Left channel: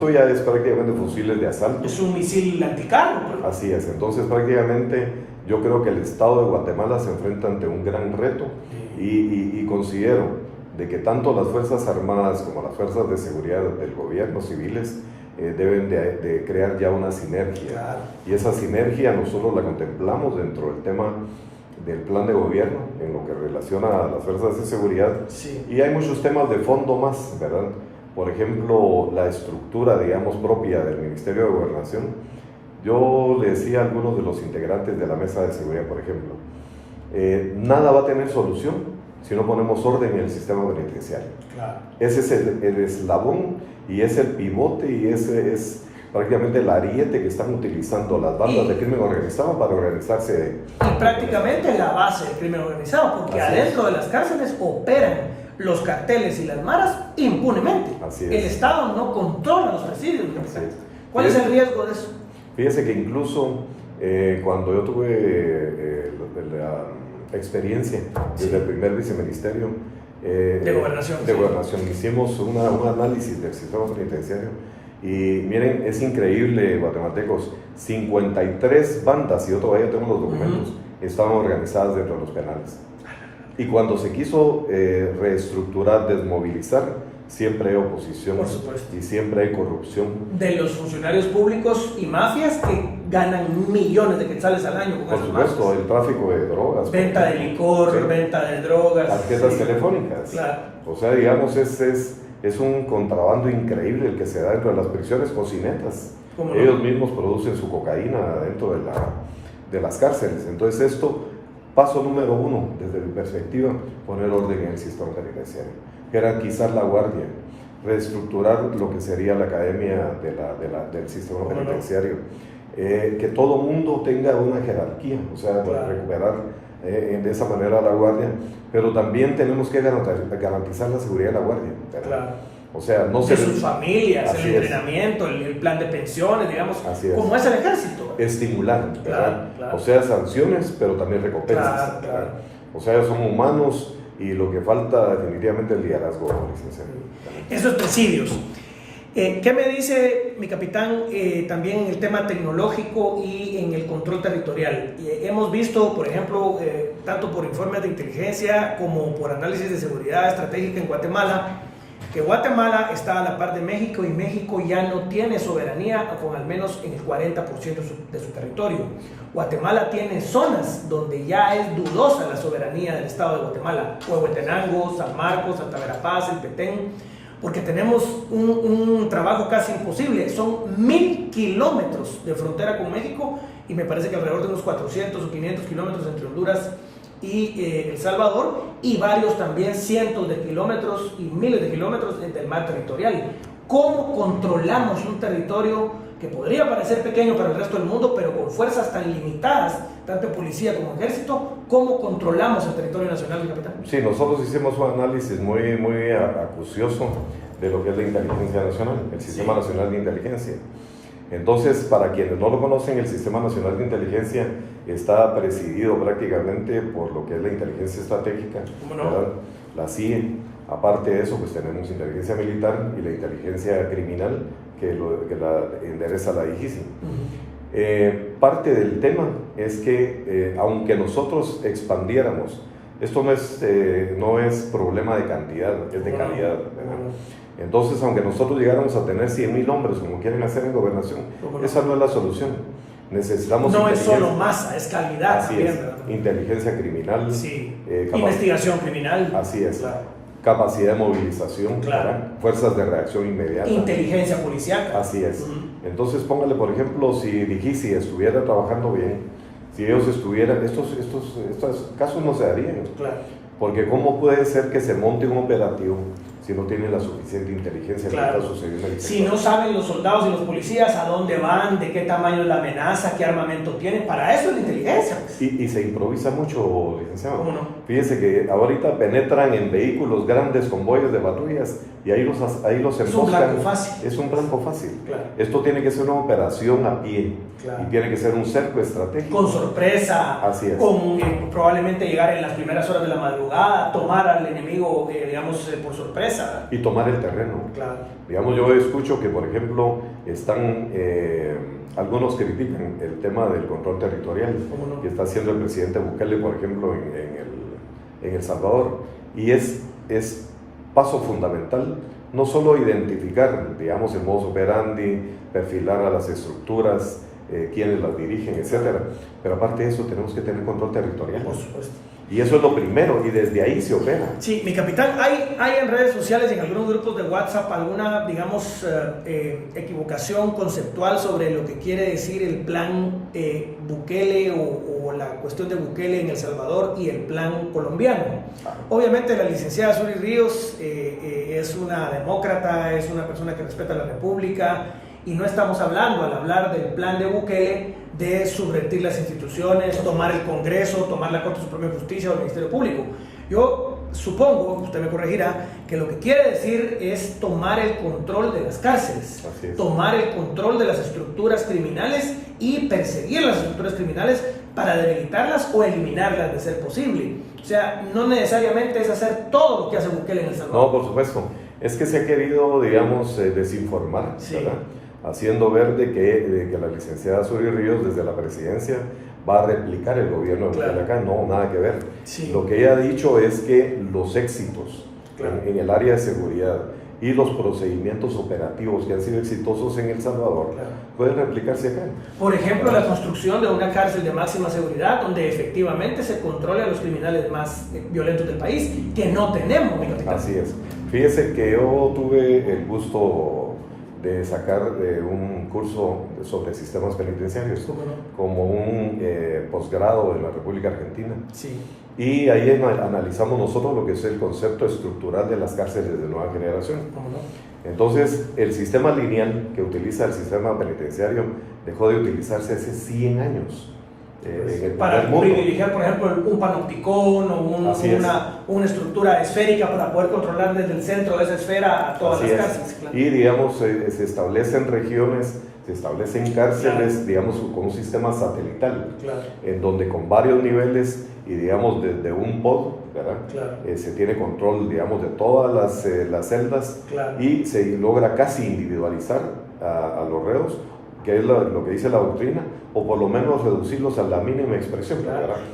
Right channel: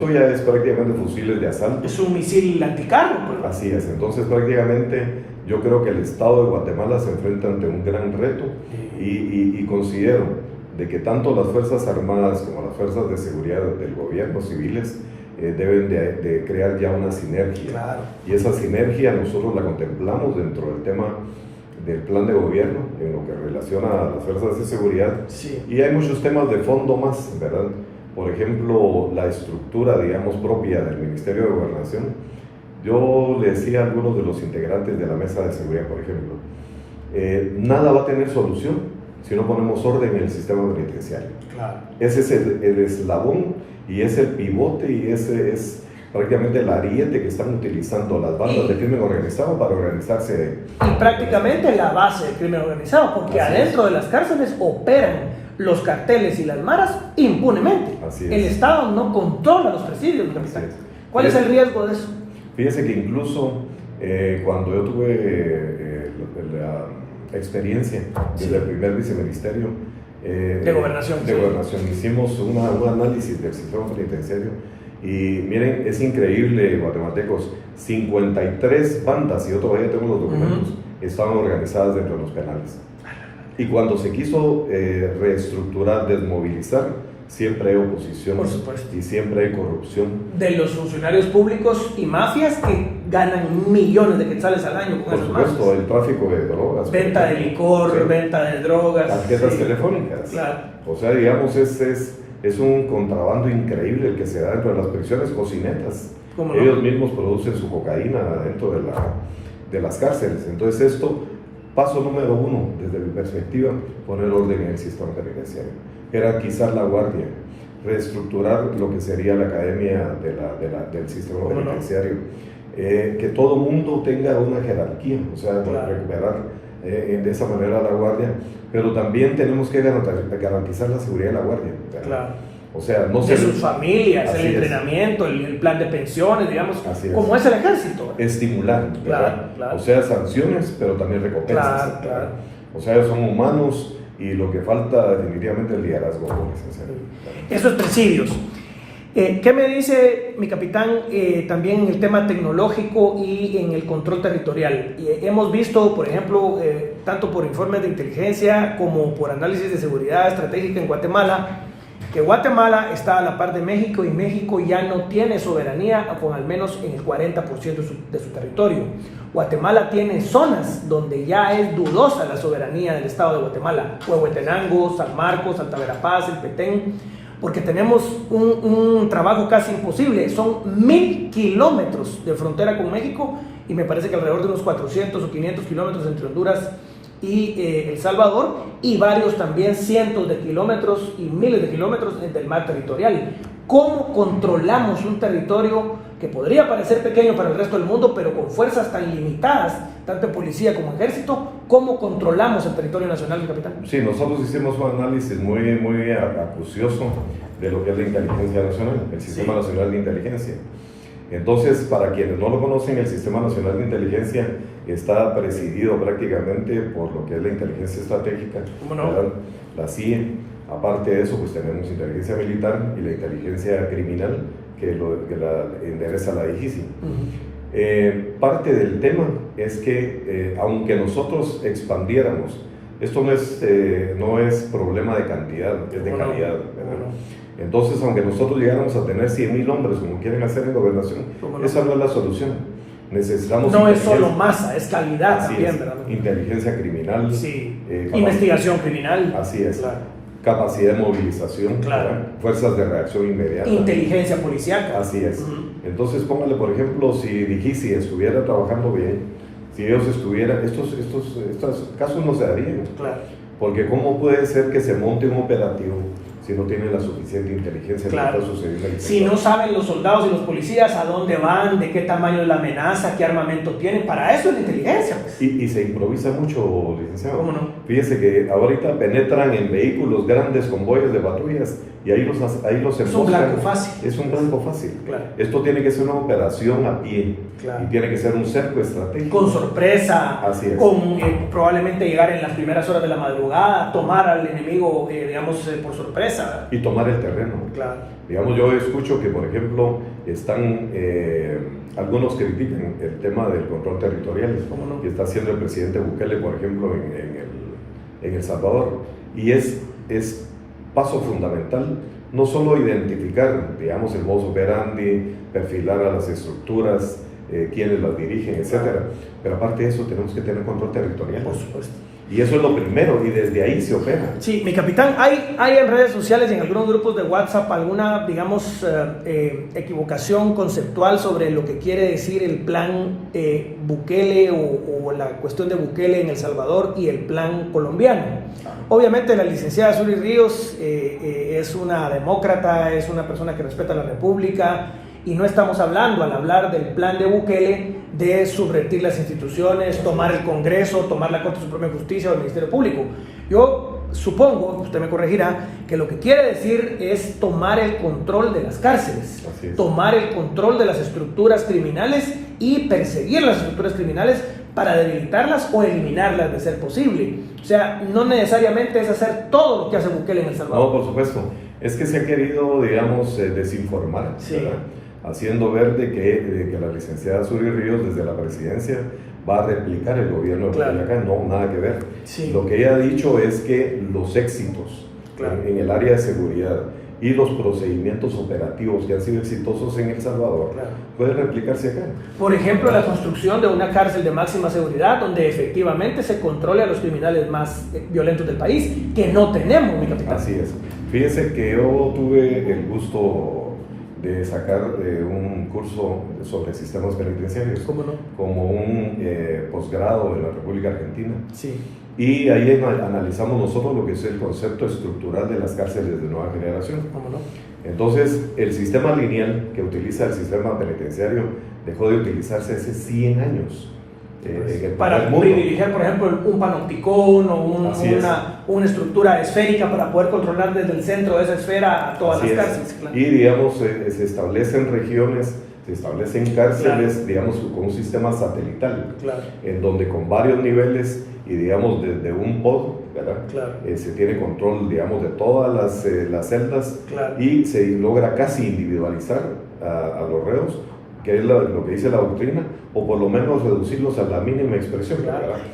Esto ya es prácticamente fusiles de asalto. Es un misil anticarro. Pues. Así es, entonces prácticamente yo creo que el Estado de Guatemala se enfrenta ante un gran reto y considero de que tanto las Fuerzas Armadas como las Fuerzas de Seguridad del gobierno civiles deben de crear ya una sinergia. Claro. Y esa sinergia nosotros la contemplamos dentro del tema del plan de gobierno, en lo que relaciona a las fuerzas de seguridad. Sí. Y hay muchos temas de fondo más, ¿verdad? Por ejemplo, la estructura, digamos, propia del Ministerio de Gobernación. Yo le decía a algunos de los integrantes de la mesa de seguridad, por ejemplo, nada va a tener solución si no ponemos orden en el sistema penitenciario. Claro. Ese es el eslabón y es el pivote y ese es prácticamente el ariete que están utilizando las bandas de crimen organizado para organizarse. Y prácticamente la base del crimen organizado, porque así adentro es. de las cárceles operan los carteles y las maras impunemente. Así es. El Estado no controla los presidios, capitán. ¿Cuál es el riesgo de eso? Fíjese que incluso cuando yo tuve la experiencia desde el primer viceministerio de gobernación, hicimos un análisis del sistema penitenciario y miren, es increíble, guatemaltecos, 53 bandas, y yo todavía tengo los documentos, estaban organizadas dentro de los penales. Y cuando se quiso reestructurar, desmovilizar, siempre hay oposición y siempre hay corrupción. De los funcionarios públicos y mafias que ganan millones de quetzales al año. Por supuesto, el tráfico de drogas. Venta de licor, venta de drogas. Tarjetas telefónicas. Claro. O sea, digamos, es un contrabando increíble el que se da dentro de las prisiones, cocinetas. Ellos mismos producen su cocaína dentro de las cárceles. Entonces esto, paso número 1, desde mi perspectiva, poner orden en el sistema penitenciario. Jerarquizar la guardia, reestructurar lo que sería la academia del sistema penitenciario, que todo mundo tenga una jerarquía, o sea, recuperar de esa manera la guardia, pero también tenemos que garantizar la seguridad de la guardia. Claro. O sea, no de sus familias, el entrenamiento, el plan de pensiones, digamos, como es el ejército. Estimular, claro. O sea, sanciones, pero también recompensas. Claro. O sea, ellos son humanos y lo que falta definitivamente es el liderazgo. Esos presidios. ¿Qué me dice mi capitán también en el tema tecnológico y en el control territorial? Hemos visto, por ejemplo, tanto por informes de inteligencia como por análisis de seguridad estratégica en Guatemala, que Guatemala está a la par de México y México ya no tiene soberanía con al menos en el 40% de su territorio. Guatemala tiene zonas donde ya es dudosa la soberanía del Estado de Guatemala, Huehuetenango, San Marcos, Alta Verapaz, El Petén, porque tenemos un trabajo casi imposible. Son 1000 kilómetros de frontera con México y me parece que alrededor de unos 400 o 500 kilómetros entre Honduras y El Salvador, y varios también cientos de kilómetros y miles de kilómetros del mar territorial. ¿Cómo controlamos un territorio que podría parecer pequeño para el resto del mundo, pero con fuerzas tan limitadas, tanto policía como ejército? ¿Cómo controlamos el territorio nacional, capitán? Sí, nosotros hicimos un análisis muy acucioso de lo que es la inteligencia nacional, el Sistema Nacional de Inteligencia. Entonces, para quienes no lo conocen, el Sistema Nacional de Inteligencia está presidido prácticamente por lo que es la inteligencia estratégica, ¿verdad? La CIA. Aparte de eso, pues tenemos inteligencia militar y la inteligencia criminal, que la endereza la DIGICI. Parte del tema es que, aunque nosotros expandiéramos, esto no es problema de cantidad, es de calidad, ¿verdad? Entonces, aunque nosotros llegáramos a tener 100,000 hombres, como quieren hacer en gobernación, esa no es la solución. Necesitamos no es solo masa, es calidad también, ¿verdad? Inteligencia criminal, investigación criminal. Así es. Capacidad de movilización, fuerzas de reacción inmediata. Inteligencia policial. Así es. Entonces, póngale, por ejemplo, si DIGICI estuviera trabajando bien, si ellos estuvieran, estos casos no se darían. Porque ¿cómo puede ser que se monte un operativo si no tienen la suficiente inteligencia de lo que está sucediendo en el si no saben los soldados y los policías a dónde van, de qué tamaño es la amenaza, qué armamento tienen? Para eso es la inteligencia. Y se improvisa mucho, licenciado. ¿Cómo no? Fíjese que ahorita penetran en vehículos grandes, convoyes de patrullas, y ahí los emboscan. Es un blanco fácil. Es un blanco fácil. Esto tiene que ser una operación a pie, y tiene que ser un cerco estratégico. Con sorpresa, así es. Con probablemente llegar en las primeras horas de la madrugada, tomar al enemigo, digamos, por sorpresa. Y tomar el terreno. Digamos, yo escucho que, por ejemplo, están algunos que critican el tema del control territorial que está haciendo el presidente Bukele, por ejemplo, en El Salvador. Y es paso fundamental no solo identificar, digamos, el modus operandi, perfilar a las estructuras, quienes las dirigen, etcétera, pero aparte de eso tenemos que tener control territorial. Por supuesto. Y eso es lo primero, y desde ahí se opera. Sí, mi capitán, hay en redes sociales y en algunos grupos de WhatsApp alguna, digamos, equivocación conceptual sobre lo que quiere decir el plan Bukele o la cuestión de Bukele en El Salvador y el plan colombiano. Obviamente la licenciada Zury Ríos es una demócrata, es una persona que respeta la República, y no estamos hablando, al hablar del plan de Bukele, de subvertir las instituciones, tomar el Congreso, tomar la Corte Suprema de Justicia o el Ministerio Público. Yo supongo, usted me corregirá, que lo que quiere decir es tomar el control de las cárceles, tomar el control de las estructuras criminales y perseguir las estructuras criminales para debilitarlas o eliminarlas de ser posible. O sea, no necesariamente es hacer todo lo que hace Bukele en El Salvador. No, por supuesto. Es que se ha querido, digamos, desinformar, sí, ¿verdad? Haciendo ver de que la licenciada Zury Ríos desde la presidencia va a replicar el gobierno de Bukele acá. No, nada que ver. Sí. Lo que ella ha dicho es que los éxitos en el área de seguridad y los procedimientos operativos que han sido exitosos en El Salvador pueden replicarse acá. Por ejemplo, la construcción de una cárcel de máxima seguridad donde efectivamente se controle a los criminales más violentos del país, que no tenemos, mi capitán. Así es. Fíjese que yo tuve el gusto de sacar un curso sobre sistemas penitenciarios, como un posgrado en la República Argentina. Sí. Y ahí analizamos nosotros lo que es el concepto estructural de las cárceles de nueva generación. Entonces, el sistema lineal que utiliza el sistema penitenciario dejó de utilizarse hace 100 años. Para dirigir, por ejemplo, un panopticón o una estructura esférica para poder controlar desde el centro de esa esfera a todas las cárceles. Claro. Y, digamos, se establecen regiones, se establecen cárceles, digamos, con un sistema satelital, en donde con varios niveles y, digamos, desde un pod, ¿verdad? Se tiene control, digamos, de todas las celdas y se logra casi individualizar a los reos, que es lo que dice la doctrina, o por lo menos reducirlos a la mínima expresión.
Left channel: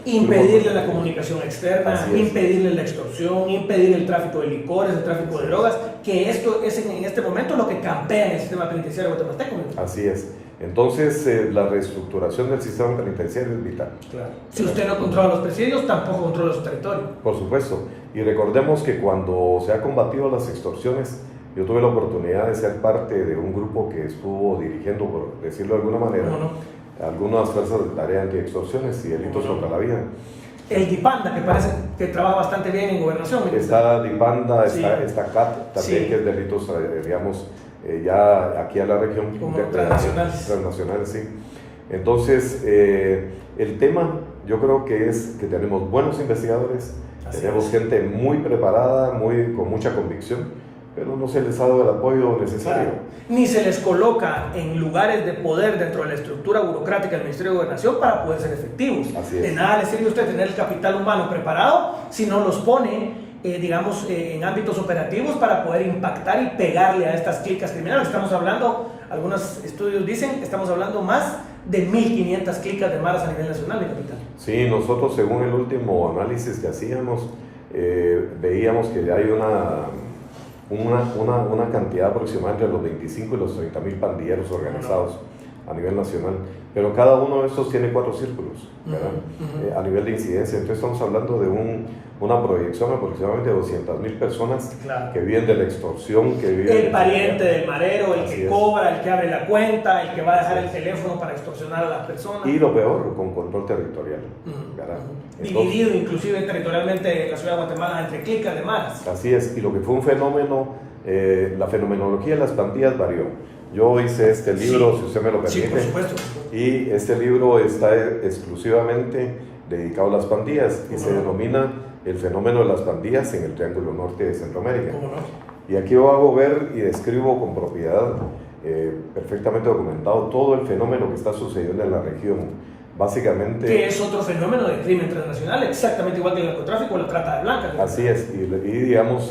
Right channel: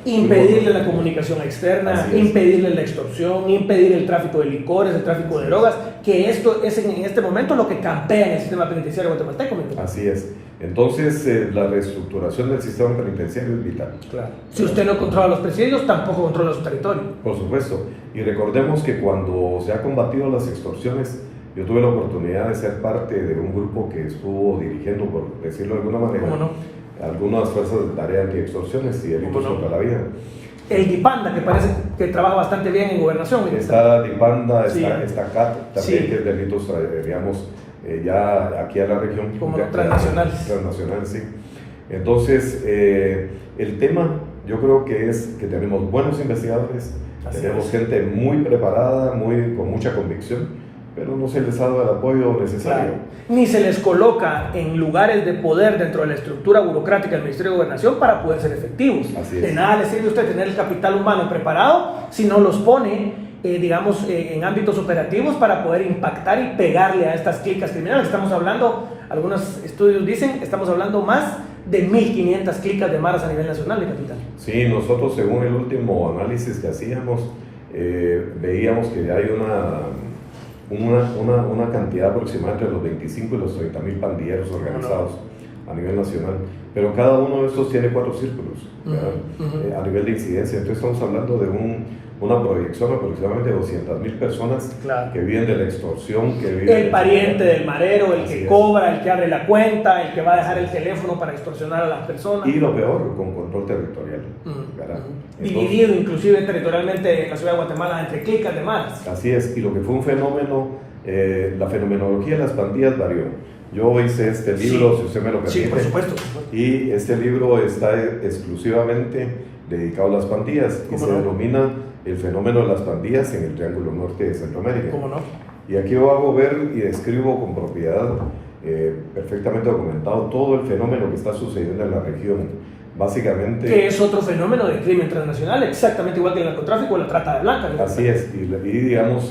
Impedirle la comunicación externa, impedirle la extorsión, impedir el tráfico de licores, el tráfico de drogas, que esto es en este momento lo que campea en el sistema penitenciario guatemalteco. Así es. Entonces, la reestructuración del sistema penitenciario es vital. Si usted no controla los presidios, tampoco controla su territorio. Por supuesto. Y recordemos que cuando se ha combatido las extorsiones, yo tuve la oportunidad de ser parte de un grupo que estuvo dirigiendo, por decirlo de alguna manera, algunas fuerzas de tarea anti-extorsiones y delitos contra la vida. El DIPANDA, que parece que trabaja bastante bien en gobernación. Está DIPANDA, está CAT, también, que es delitos, digamos, ya aquí a la región. Como transnacionales. Transnacionales, sí. Entonces, el tema, yo creo que es que tenemos buenos investigadores, tenemos gente muy preparada, con mucha convicción, pero no se les ha dado el apoyo necesario. Ni se les coloca en lugares de poder dentro de la estructura burocrática del Ministerio de Gobernación para poder ser efectivos. De nada les sirve a usted tener el capital humano preparado si no los pone, digamos, en ámbitos operativos para poder impactar y pegarle a estas clicas criminales. Estamos hablando, algunos estudios dicen, estamos hablando más de 1.500 clicas de maras a nivel nacional, mi capitán. Sí, nosotros según el último análisis que hacíamos, veíamos que hay una cantidad aproximada entre los 25 y los 30.000 pandilleros organizados a nivel nacional, pero cada uno de estos tiene 4 círculos, ¿verdad? A nivel de incidencia. Entonces estamos hablando de una proyección aproximadamente de 200.000 personas que viven de la extorsión, que viven el pariente del marero, el que cobra, el que abre la cuenta, el que va a dejar el teléfono para extorsionar a las personas. Y lo peor, con control territorial, ¿verdad? Dividido inclusive territorialmente en la ciudad de Guatemala entre clicas de maras. Así es, y lo que fue un fenómeno, la fenomenología de las pandillas varió. Yo hice este libro, si usted me lo permite, por supuesto. Y este libro está exclusivamente dedicado a las pandillas y se denomina el fenómeno de las pandillas en el Triángulo Norte de Centroamérica. Y aquí yo hago ver y escribo con propiedad, perfectamente documentado, todo el fenómeno que está sucediendo en la región. Básicamente, que es otro fenómeno de crimen transnacional, exactamente igual que el narcotráfico o la trata de blancas, ¿no? Así es, y digamos,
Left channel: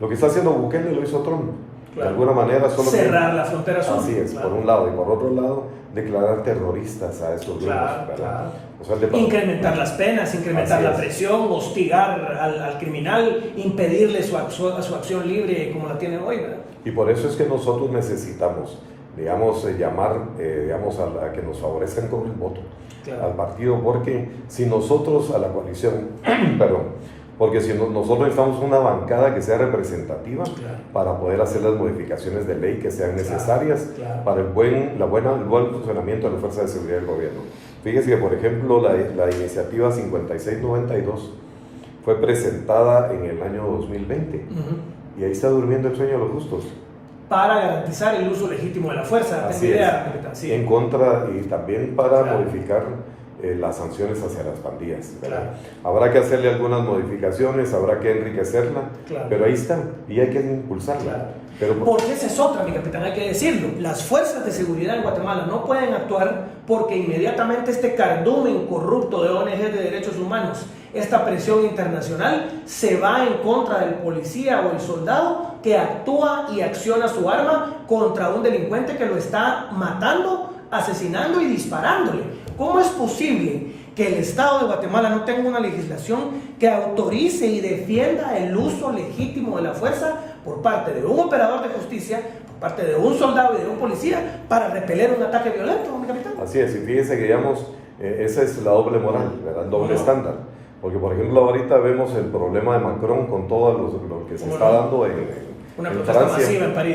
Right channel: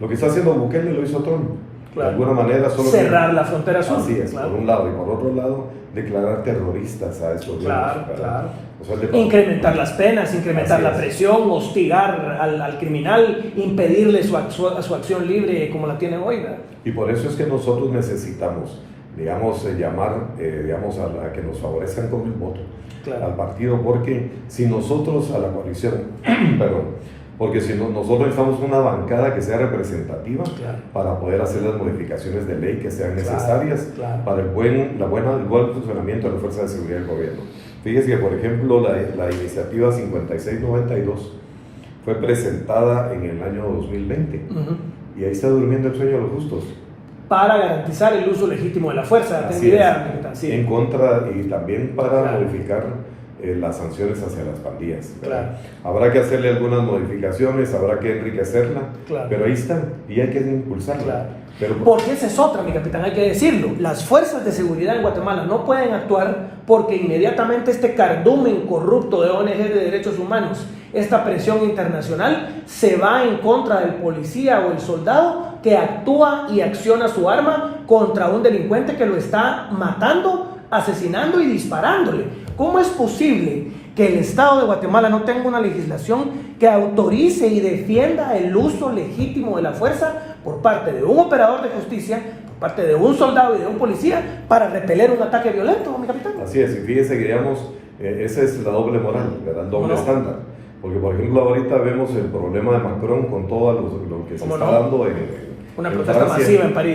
lo que está haciendo Bukele lo hizo Trump. Claro. De alguna manera solo cerrar la frontera sur. Así es, claro. por un lado, y por otro lado, declarar terroristas a estos grupos. Claro. O sea, incrementar las penas, incrementar Así la es. presión, hostigar al criminal, impedirle su acción libre como la tienen hoy, ¿verdad? Y por eso es que nosotros necesitamos, digamos, llamar digamos, a que nos favorezcan con el voto Claro. al partido, porque si nosotros, a la coalición, perdón, porque si nosotros necesitamos una bancada que sea representativa Claro. para poder hacer las modificaciones de ley que sean necesarias claro. para el buen funcionamiento de las fuerzas de seguridad del gobierno. Fíjese que, por ejemplo, la iniciativa 5692 fue presentada en el año 2020 y ahí está durmiendo el sueño de los justos. Para garantizar el uso legítimo de la fuerza, Así tengo es. idea, capitán, sí. En contra y también para Claro. modificar las sanciones hacia las pandillas, ¿verdad? Claro. Habrá que hacerle algunas modificaciones, habrá que enriquecerla, Claro. pero ahí está, y hay que impulsarla. Claro. Pero, Porque esa es otra, mi capitán, hay que decirlo. Las fuerzas de seguridad en Guatemala no pueden actuar porque inmediatamente este cardumen corrupto de ONG de derechos humanos, esta presión internacional, se va en contra del policía o el soldado que actúa y acciona su arma contra un delincuente que lo está matando, asesinando y disparándole. ¿Cómo es posible que el Estado de Guatemala no tenga una legislación que autorice y defienda el uso legítimo de la fuerza por parte de un operador de justicia, por parte de un soldado y de un policía para repeler un ataque violento, mi capitán? así es, y fíjese que digamos, esa es la doble moral, ¿verdad? El doble No. estándar. Porque, por ejemplo, ahorita vemos el problema de Macron con todo lo que se ¿Cómo está no? dando en Una en protesta Francia. masiva en París.